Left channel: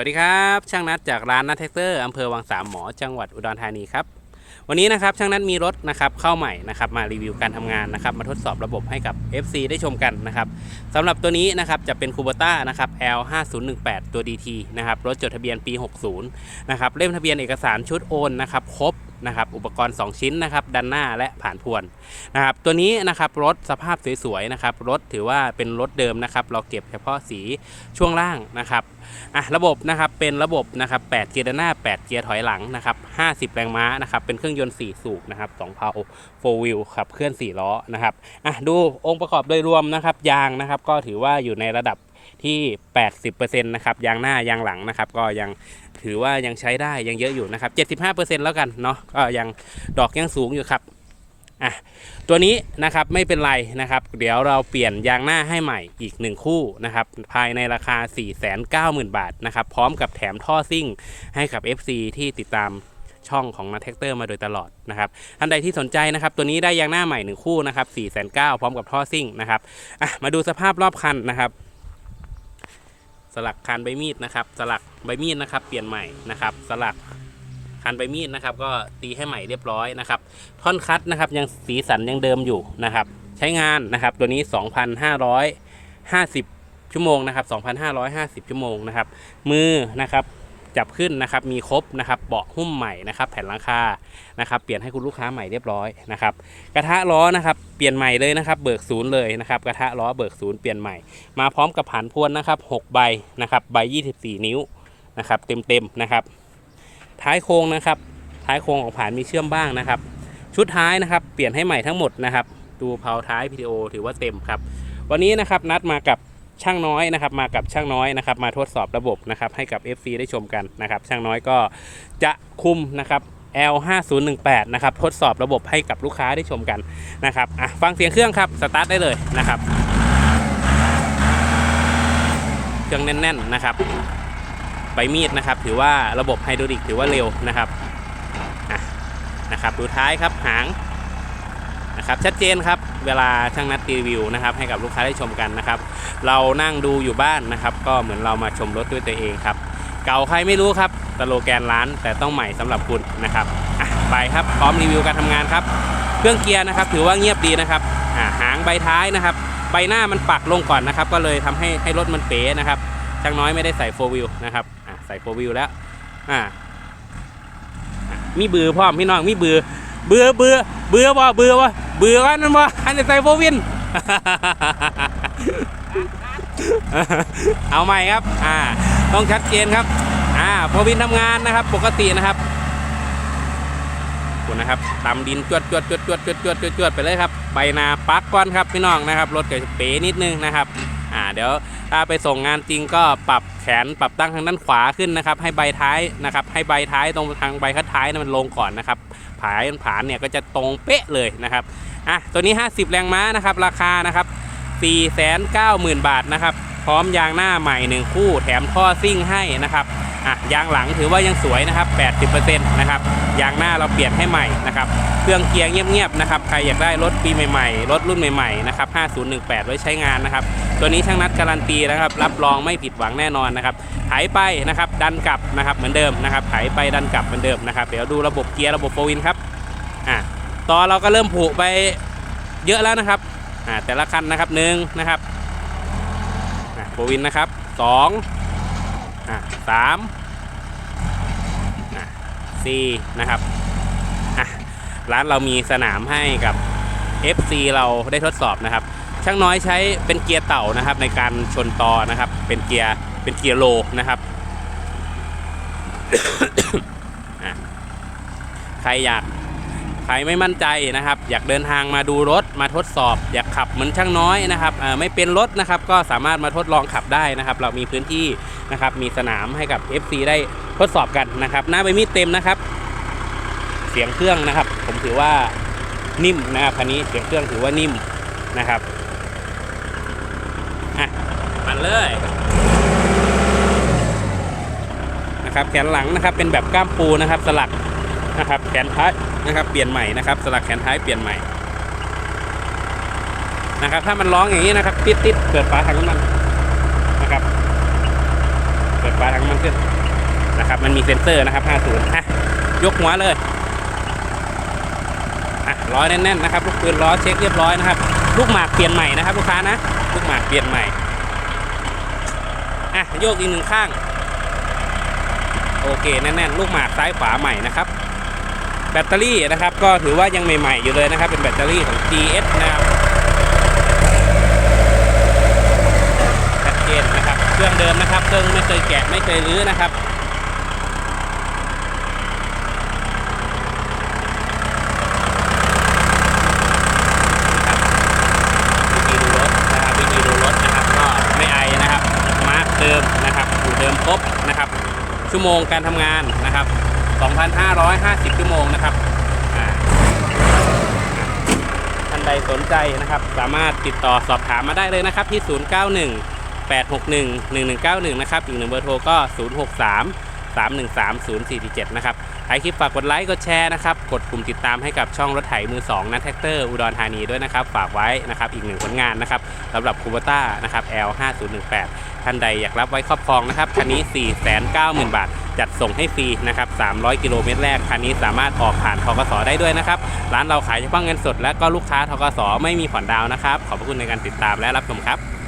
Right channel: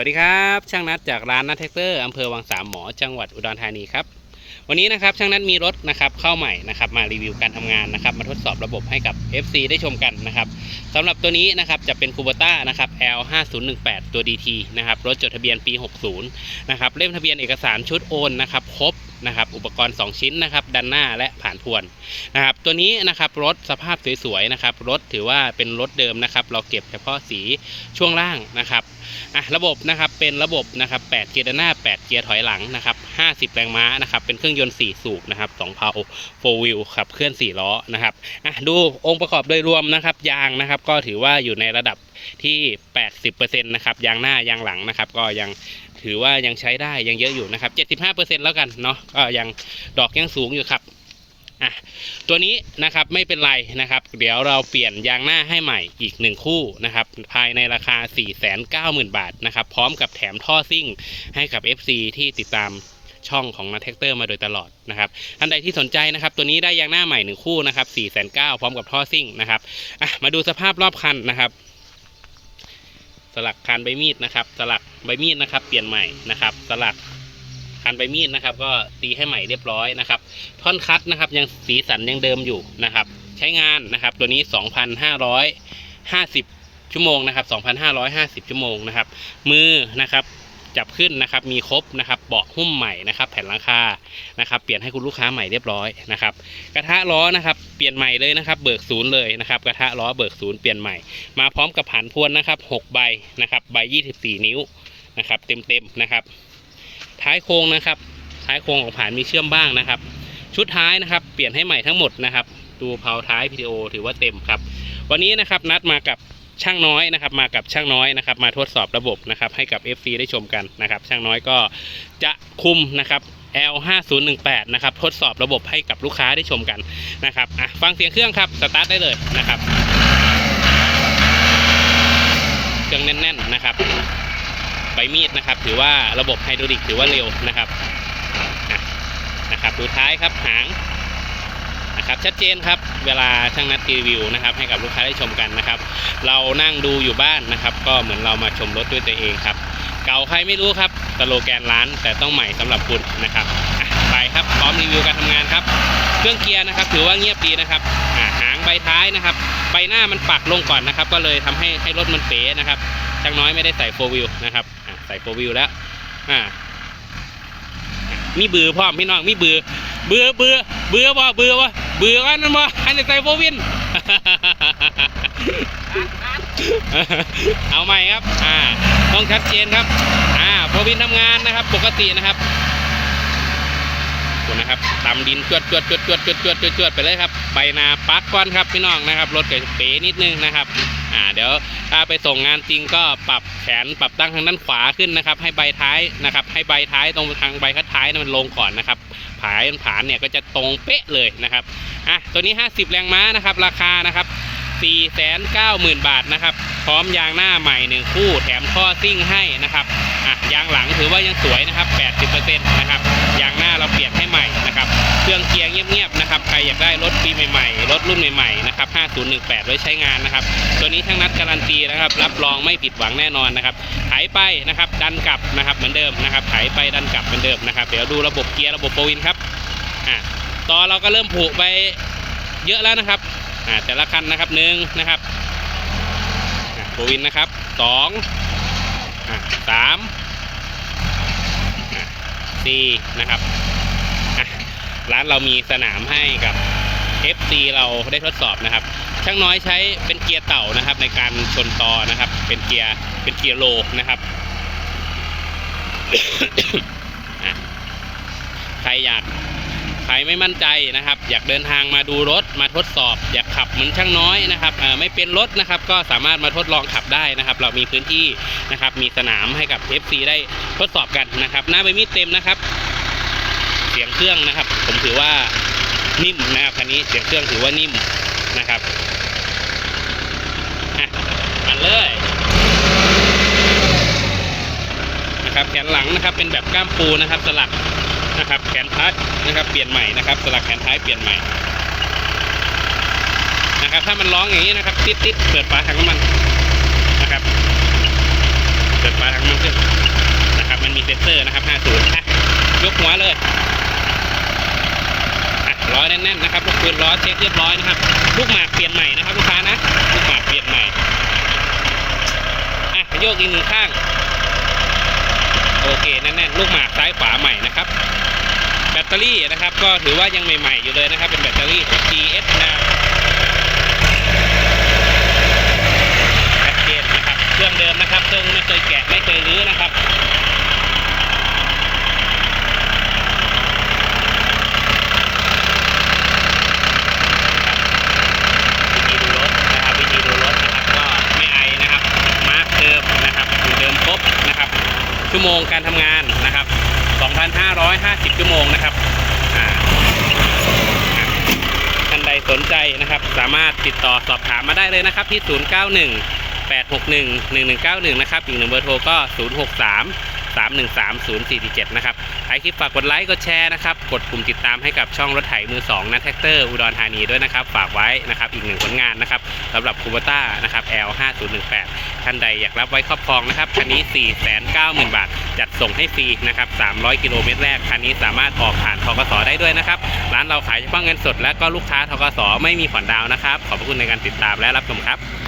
วัสดีครับ ช่างนัดจากร้านนัดแท็กเตอร์อำเภอวังสามหมอจังหวัดอุดรธานีครับวันนี้นะครับช่างนัดมีรถนะครับเข้าใหม่นะครับมารีวิวการทำงานนะครับมาทดสอบระบบให้กับ FC ได้ชมกันนะครับสำหรับตัวนี้นะครับจะเป็นคูบต้านะครับ L 5 0 1 8ตัว DT นะครับรถจดทะเบียนปี 60นะครับเล่มทะเบียนเอกสารชุดโอนนะครับครบ นะครับอุปกรณ์ 2 ชิ้นนะครับด้านหน้าและผ่านพวนนะครับตัวนี้นะครับรถสภาพสวยๆนะครับรถถือว่าเป็นรถเดิมนะครับเราเก็บเฉพาะสีช่วงล่างนะครับอะระบบนะครับเป็นระบบนะครับ8เกียร์ด้านหน้า 8 เกียร์ถอยหลังนะครับ50 แรงม้านะครับเป็นเครื่องยนต์ 4 สูบนะครับ2เพา4 wheel ขับเคลื่อน 4 ล้อนะครับอะดูองค์ประกอบโดยรวมนะครับยางนะครับก็ถือว่าอยู่ในระดับที่ 80%นะครับยางหน้ายางหลังนะครับก็ยัง ถือว่ายังใช้ได้ยังเยอะอยู่นะครับ 75%แล้วกันเนาะก็ยังดอกยังสูงอยู่ครับอะตัวนี้นะครับไม่เป็นไรนะครับ เดี๋ยวเราเปลี่ยนยางหน้าให้ใหม่อีก 1 คู่นะครับ ภายในราคา 490,000 บาทนะครับ พร้อมกับแถมท่อซิ่งให้กับ FC ที่ติดตามช่องของนัทแท็กเตอร์มาโดยตลอดนะครับท่านใดที่สนใจนะครับ ตัวนี้ได้ยางหน้าใหม่ 1 คู่นะครับ490,000พร้อมกับท่อซิ่งนะครับอะมาดูสภาพรอบคันนะครับ ลักคานใบมีดนะครับ สลักใบมีดนะครับ เปลี่ยนใหม่นะครับ สลักคานใบมีดนะครับ ก็ตีให้ใหม่เรียบร้อยนะครับ ท่อนคัดนะครับ ยังสีสันยังเดิมอยู่นะครับ ใช้งานนะครับ ตัวนี้ 2,550 ชั่วโมงนะครับ 2,550 ชั่วโมงนะครับ มือนะครับ จับขึ้นนะครับมีครบนะครับเบาะหุ้มใหม่นะครับแผ่นหลังคานะครับเปลี่ยนให้คุณลูกค้าใหม่เรียบร้อยนะครับกระทะล้อนะครับเปลี่ยนใหม่เลยนะครับ เบิกศูนย์เลยนะครับกระทะล้อเบิกศูนย์เปลี่ยนใหม่มาพร้อมกับผ่านพวนนะครับ6ใบนะครับใบ 24 นิ้วนะครับเต็มๆนะครับ ท้ายโค้งนะครับ ท้ายโค้งของผ่านมีเชื่อมบ้างนะครับ ชุดท้ายนะครับ เปลี่ยนให้ใหม่ทั้งหมดนะครับดูเผาท้าย PTO ถือว่าเต็มครับ วันนี้นะครับนัดมากับ ช่างน้อยนะครับมากับช่างน้อยนะครับมาทดสอบระบบนะครับให้กับ FC ได้ชมกันนะครับช่างน้อยก็จะคุมนะครับ L 5 0 1 8 นะครับทดสอบระบบให้กับลูกค้าได้ชมกันนะครับอะฟังเสียงเครื่องครับสตาร์ทได้เลยนะครับเครื่องแน่นๆนะครับใบมีดนะครับ ถือว่าระบบไฮดรอลิกถือว่าเร็วนะครับนะครับดูท้ายครับหาง นะครับชัดเจนครับเวลาช่างนัดรีวิวนะครับให้กับลูกค้าได้ชมกันนะครับเรานั่งดูอยู่บ้านนะครับก็เหมือนเรามาชมรถด้วยตัวเองครับเก่าใครไม่รู้ครับสโลแกนร้านแต่ต้องใหม่สำหรับคุณนะครับไปครับพร้อมรีวิวการทำงานครับเครื่องเกียร์นะครับถือว่าเงียบดีนะครับหางใบท้ายนะครับใบหน้ามันปักลงก่อนนะครับก็เลยทำให้ให้รถมันเป๋นะครับช่างน้อยไม่ได้ใส่โฟวิลนะครับใส่โฟวิลแล้วอะอะมีเบือพร้อพี่น้องมีเบือเบือเบือเบือว่าเบือว่า เบื่อกันมาอันนี้ใส่โบวิน เอาใหม่ครับ อ่า ต้องชัดเจนครับ อ่าโบวินทำงานนะครับ ปกตินะครับนะครับตำดินจวดจวดจวดจวดจวดจวดจวดไปเลยครับ ใบนาปักก้อนครับพี่น้องนะครับ รถเก๋บเป๋นิดนึงนะครับ อ่าเดี๋ยวถ้าไปส่งงานจริงก็ปรับแขนปรับตั้งทางด้านขวาขึ้นนะครับ ให้ใบท้ายนะครับ ให้ใบท้ายตรงทางใบคัดท้ายนั้นมันลงก่อนนะครับผายผานเนี่ยก็จะตรงเป๊ะเลยนะครับอะตัวนี้ 50 แรงม้านะครับ ราคานะครับ 490,000 บาทนะครับ พร้อมยางหน้าใหม่ 1 คู่แถมท่อซิ่งให้นะครับอะยางหลังถือว่ายังสวยนะครับ 80%นะครับ ยางหน้าเราเปลี่ยนให้ใหม่นะครับเครื่องเกียร์เงียบๆนะครับใครอยากได้รถปีใหม่ๆรถรุ่นใหม่ๆนะครับ5018 ไว้ใช้งานนะครับตัวนี้ช่างนัดการันตีนะครับรับรองไม่ผิดหวังแน่นอนนะครับไถไปนะครับดันกลับนะครับเหมือนเดิมนะครับไถไปดันกลับเหมือนเดิมนะครับเดี๋ยวดูระบบเกียร์ระบบโฟวินครับอะต่อเราก็เริ่มผูกไปเยอะแล้วนะครับอ่าแต่ละคันนะครับหนึ่งนะครับอะโควินนะครับสองอะสาม สี่นะครับร้านเรามีสนามให้กับ FC เราได้ทดสอบนะครับ ช่างน้อยใช้เป็นเกียร์เต่านะครับ ในการชนตอนะครับ เป็นเกียร์เป็นเกียร์โลนะครับใครอยาก ครไม่มั่นใจนะครับ อยากเดินทางมาดูรถมาทดสอบ อยากขับเหมือนช่างน้อยนะครับไม่เป็นรถนะครับก็สามารถมาทดลองขับได้นะครับ เรามีพื้นที่นะครับมีสนามให้กับ FC ได้ทดสอบกันนะครับ หน้าใบมีดเต็มนะครับ เสียงเครื่องนะครับ ผมถือว่านิ่มนะครับคันนี้เสียงเครื่องถือว่านิ่มนะครับอะมันเลยนะครับแขนหลังนะครับเป็นแบบก้ามปูนะครับสลัก นะครับแขนท้ายนะครับเปลี่ยนใหม่นะครับสลักแขนท้ายเปลี่ยนใหม่นะครับถ้ามันร้องอย่างนี้นะครับติดติดเปิดฝาถังน้ำมันนะครับ เปิดฝาถังน้ำมันขึ้นนะครับ มันมีเซ็นเซอร์นะครับ 50อะยกหัวเลยอะล้อแน่นๆนะครับลูกปืนล้อเช็คเรียบร้อยนะครับ ลูกหมากเปลี่ยนใหม่นะครับลูกค้านะลูกหมากเปลี่ยนใหม่อะโยกอีกหนึ่งข้างโอเคแน่นๆลูกหมากซ้ายขวาใหม่นะครับ แบตเตอรี่นะครับ ก็ถือว่ายังใหม่ๆอยู่เลยนะครับ เป็นแบตเตอรี่ของ GS นะครับชัดเจนนะครับ เครื่องเดิมนะครับ เครื่องไม่เคยแกะไม่เคยรื้อนะครับวิธีดูรถนะครับวิธีดูรถนะครับก็ไม่ไอนะครับมาร์กเดิมนะครับอยู่เดิมครบนะครับ ชั่วโมงการทำงานนะครับ 2,550 ชั่วโมงนะครับอ่าอะท่านใดสนใจนะครับ สามารถติดต่อสอบถามมาได้เลยนะครับที่ 091 861 1191 นะครับ อีกหนึ่งเบอร์โทรก็ 063 313 0447นะครับท้าคลิปฝากกดไลค์กดแชร์นะครับ กดปุ่มติดตามให้กับช่องรถไถมือ2นะแท็กเตอร์อุดรธานีด้วยนะครับ ฝากไว้นะครับอีกหนึ่งผลงานนะครับสำหรับคูเบต้านะครับ L 5018 ท่านใดอยากรับไว้ครอบครองนะครับคันนี้ 490,000 บาท จัดส่งให้ฟรีนะครับ 300 กิโลเมตรแรกคันนี้สามารถออกผ่านทกสได้ด้วยนะครับ ร้านเราขายเฉพาะเงินสดและก็ลูกค้าทกสไม่มีผ่อนดาวนะครับ ขอบพระคุณในการติดตามและรับชมครับ